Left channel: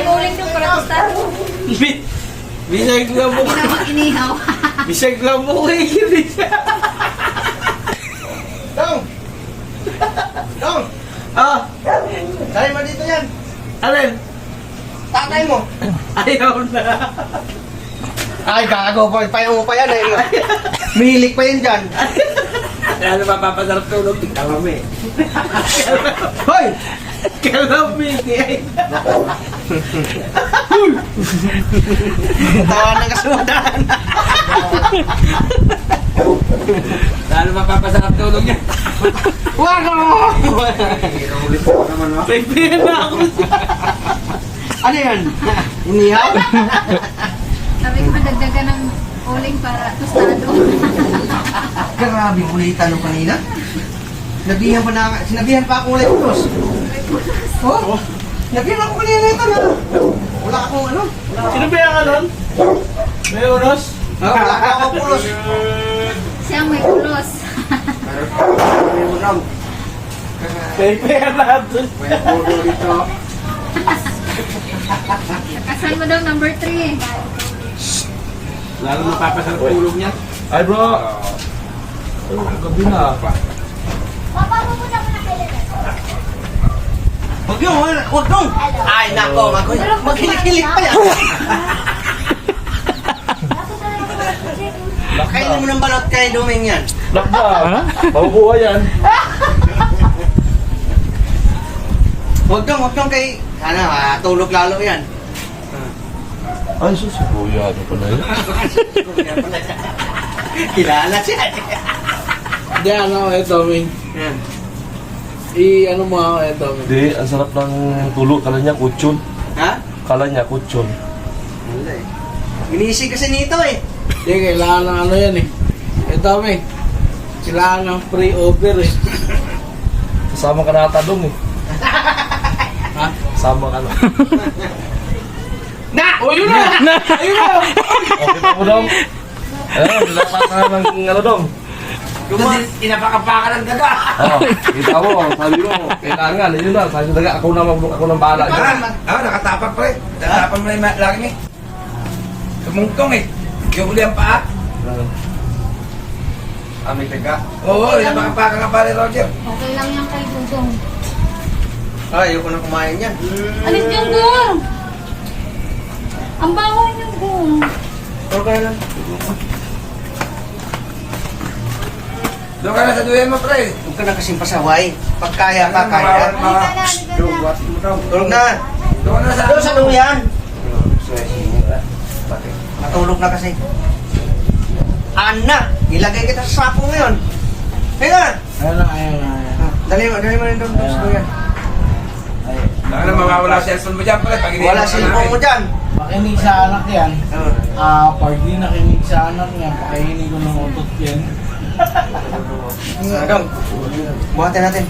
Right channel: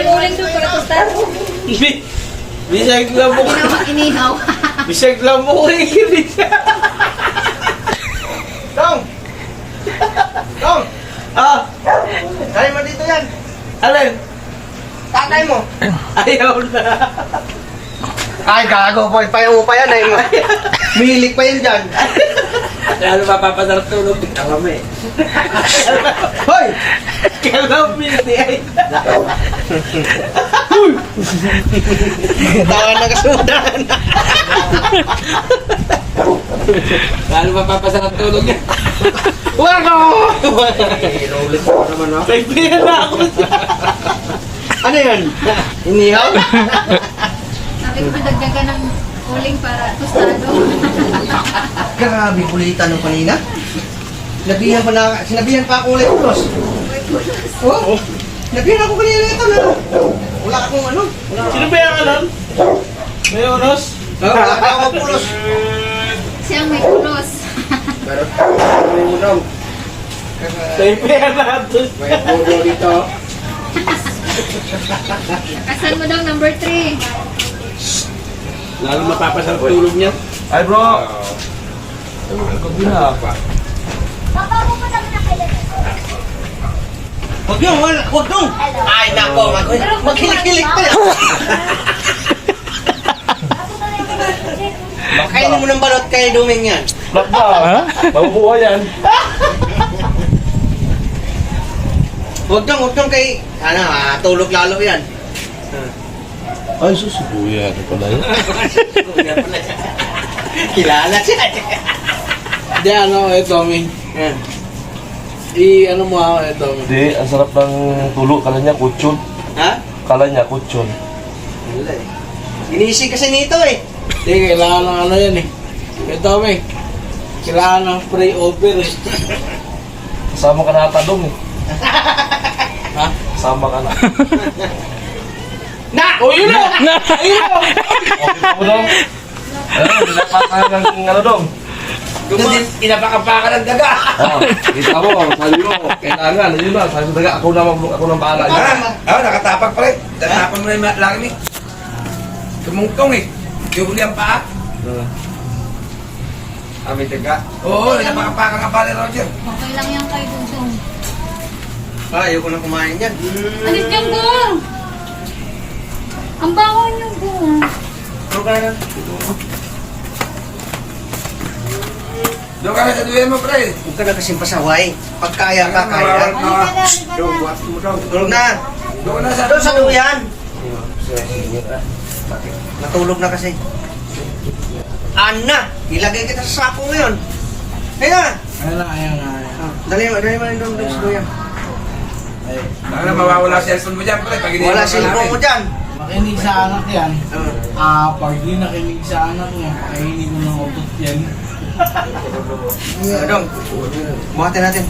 konting uling doon para kustan. Bisag lang mo. Inihaw. Bisag lang mo ko ikinig. Dong! Dong! Ah, Kaya mo dito yan. alin? Tatay mo. Ayaw na. Ay, gago po. Payo pa yan eh. Mihilig pa yan dyan. Ano mapapasarap tulog? Tignan kami. Hoy! Kalapin ay. Tawa na kasudan. Ano mapapasarap tulog niya? Wako! Ulit ko naman ako. Kaibigan na ako siya. Ano yan? Inihaw? Sabi ko dagdagan ng uling para tostado. Grabe kulita nung kanina. Sinabihan pa ako ulit ulos. Oh? Sinabihan ako kanina ito na. Wala akong ano. Sino ba yung kanon? May oras? Wala akong pulos. Siyang may ulos. Kaibigan natin. Kasan mo daw number 3. Lalo mapapasarap tulog niya. Ay bro! Ako din na. Huwag yung, huwag yung. Ay, nako. Maghilig-hilig pa yan. Kainin mo ng balot kay Duming yan. Lakda! Mabubuhay yan. Huwag kang kay, tulog lalo yan. Ay susubuya. Ano pala yan? Kilala siya. Hindi ano, Tommy. Yan. Ano mo ako, Tommy. Hindi, ang sarap ng tulog. Kala niya kutsyon. Ha? Kala niya kutsyon. Wala eh. Inisi kasi nito eh. Hindi, kailangan ng ano yan eh. Tommy. Kailangan ng pre-over eh. Kasama ka na atadong eh. Ha? Kasama ka na. Na! O yun na! Ayun na! Okay mo dong. Ayun, dinapat na ng ano dong. Inapakapakan ng daga. Ikaw mo, sabi mo, kailangan, yun na, sabi sa daga, ako na bahala. Nakatapak pa rin. Tatapan mo na yung laki ni. Tumungtong eh. Yung uli ang paa. May taga. Oo, napakapakan nga pala Roger. Okay lang yan kay Dudong. Ayoko na kumain yan. Alis yung gong! Ang baho yung gong. Pero ka na. Doon ka na sa duyan mo, pre. Huwag ka na kasing pasaway. Pag kaya ka, kaya. Tulog na. Doon ka na sa... Doon sa duyan. Natulog na kasi. Ana, ilagay kita sa sapo ngayon. Kaya na. Dali mo yung doon sa duyan. Baka na mawawala cellphone mo dyan, pre. Pag iniwan Wala ka cellphone mo namin. dyan. Makinig sa anak yan. Oo. Pag di nakinig sa anak niya, pakainin ko ng utot yan. Dong, buhatin natin.